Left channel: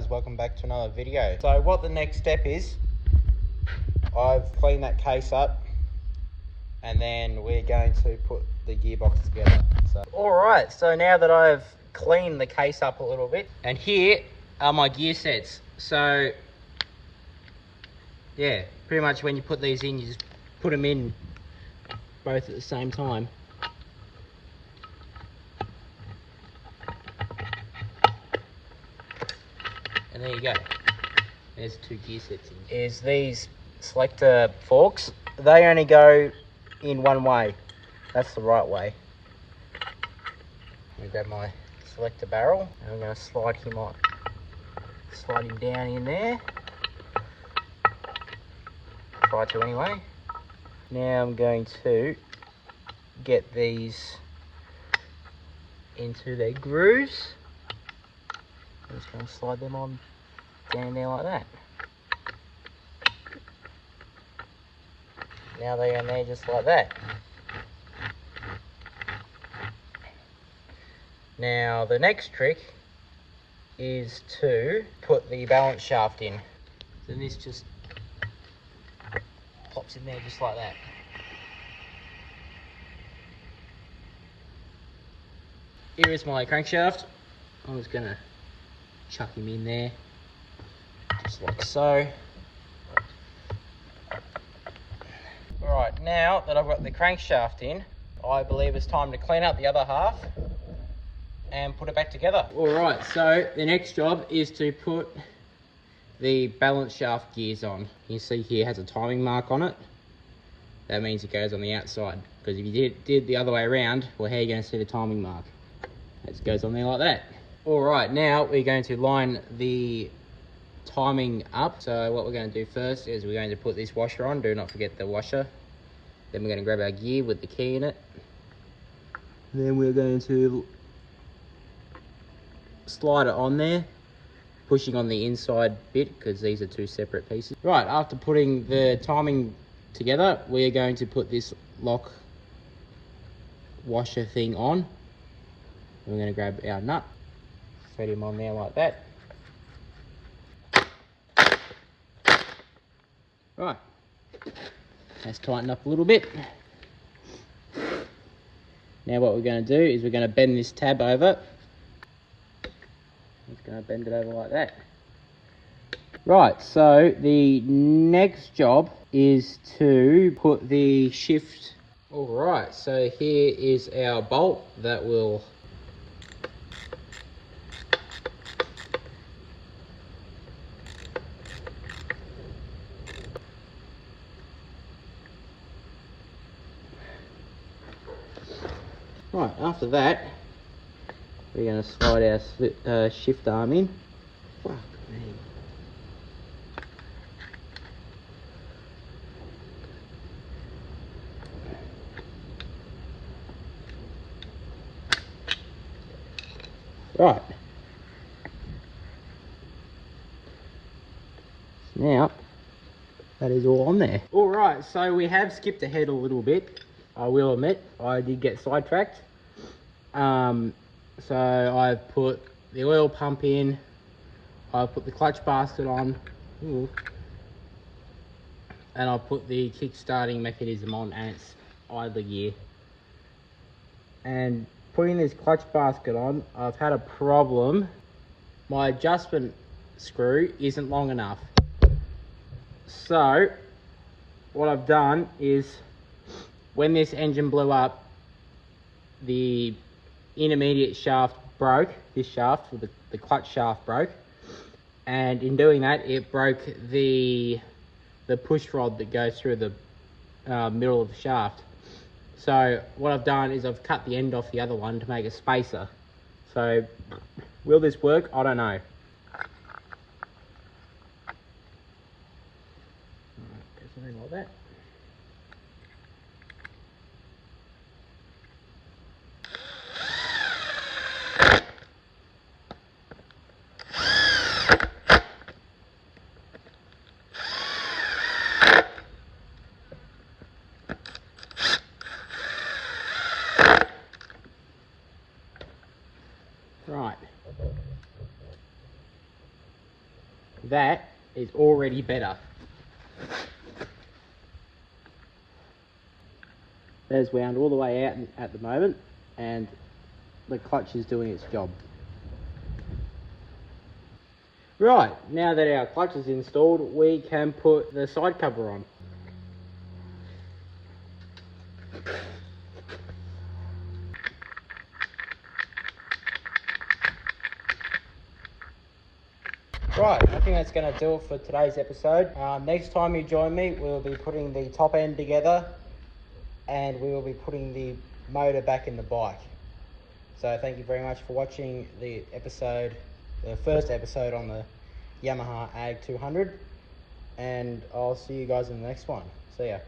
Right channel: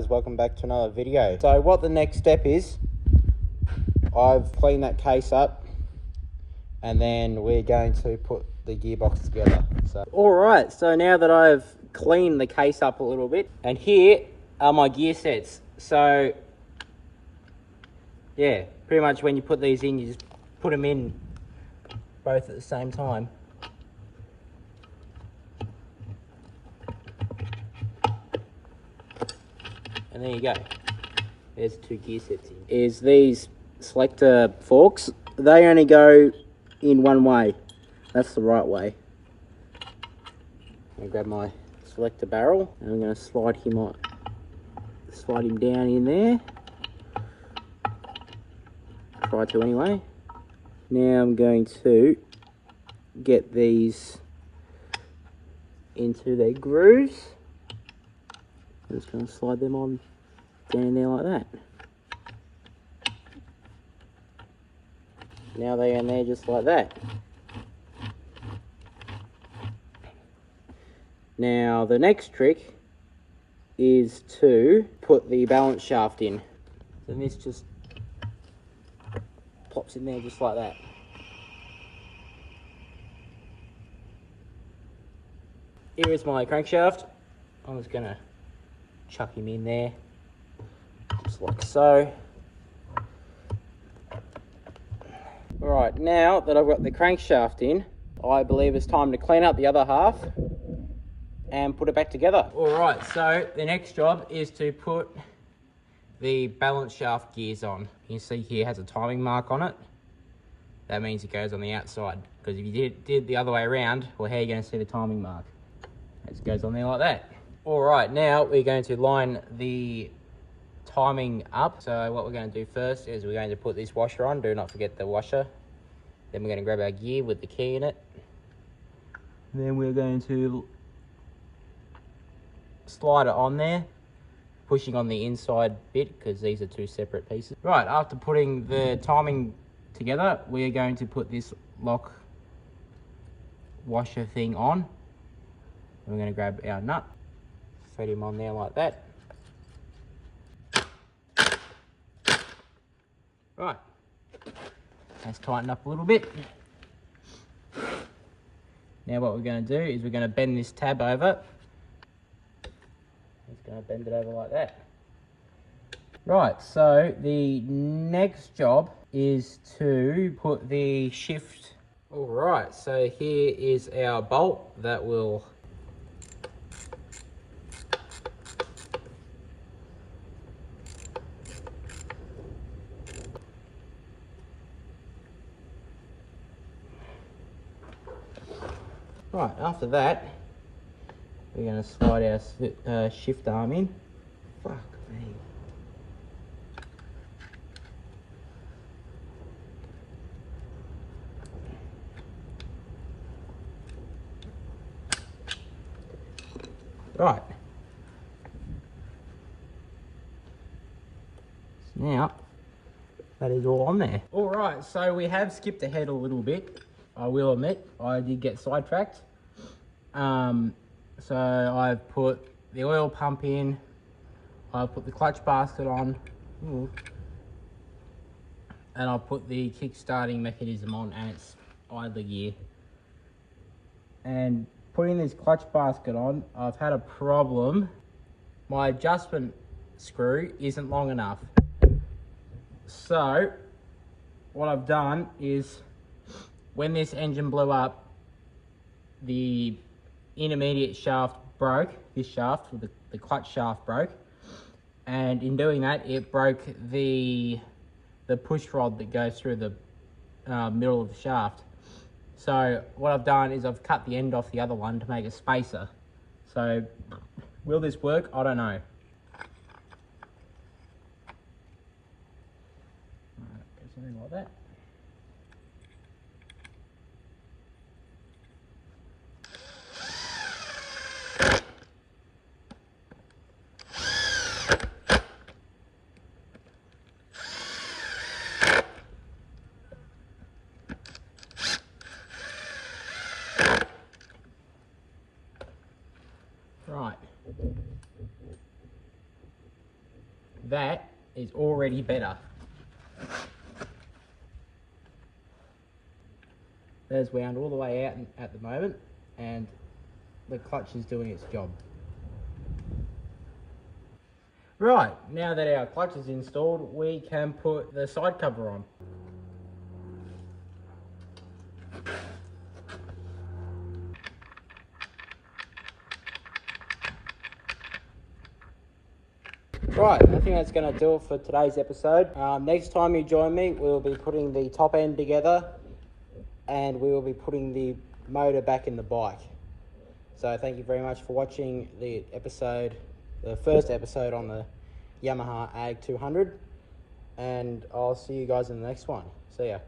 guys, welcome back to another video. So what the next step is, I've cleaned that case up and then we're going to put the gearbox together. So alright, so now that I've cleaned the case up a little bit, and here are my gear sets. So yeah, pretty much when you put these in, you just put them in both at the same time. And there you go. There's two gear sets in. Is these selector forks. They only go in one way. That's the right way. I'm gonna grab my selector barrel and I'm gonna slide him down in there. Try to anyway. Now I'm going to get these into their grooves. I'm just going to slide them on down there like that. Now they're in there just like that. Now the next trick is to put the balance shaft in. So this just pops in there just like that. Here is my crankshaft. I'm just going to chuck him in there, just like so. Right, now that I've got the crankshaft in, I believe it's time to clean up the other half and put it back together. Alright, so the next job is to put the balance shaft gears on. You see here it has a timing mark on it. That means it goes on the outside, because if you did the other way around, well, how are you going to see the timing mark? It just goes on there like that. Alright, now we're going to line the timing up. So what we're going to do first is we're going to put this washer on. Do not forget the washer. Then we're going to grab our gear with the key in it. Then we're going to slide it on there, pushing on the inside bit because these are two separate pieces. Right, after putting the timing together, we're going to put this lock washer thing on. We're going to grab our nut, thread him on there like that. Right, let's tighten up a little bit. Now what we're going to do is we're going to bend this tab over. Just going to bend it over like that. Right, so the next job is to put the shift. Alright, so here is our bolt that will Right, after that, we're going to slide our shift arm in. Fuck me. Right. Now, that is all on there. Alright, so we have skipped ahead a little bit. I will admit, I did get sidetracked. So I've put the oil pump in, I've put the clutch basket on, and I've put the kick-starting mechanism on, and it's idler gear. And putting this clutch basket on, I've had a problem. My adjustment screw isn't long enough. So what I've done is, when this engine blew up, the intermediate shaft broke, this shaft, with the clutch shaft broke, and in doing that it broke the push rod that goes through the middle of the shaft. So what I've done is I've cut the end off the other one to make a spacer. So will this work? I don't know. Something like that. Right. that is already better. There's wound all the way out at the moment, and the clutch is doing its job. Right, now that our clutch is installed, we can put the side cover on. Right, I think that's going to do it for today's episode. Next time you join me, we'll be putting the top end together, and we will be putting the motor back in the bike. So thank you very much for watching the first episode on the Yamaha AG200, and I'll see you guys in the next one. See ya.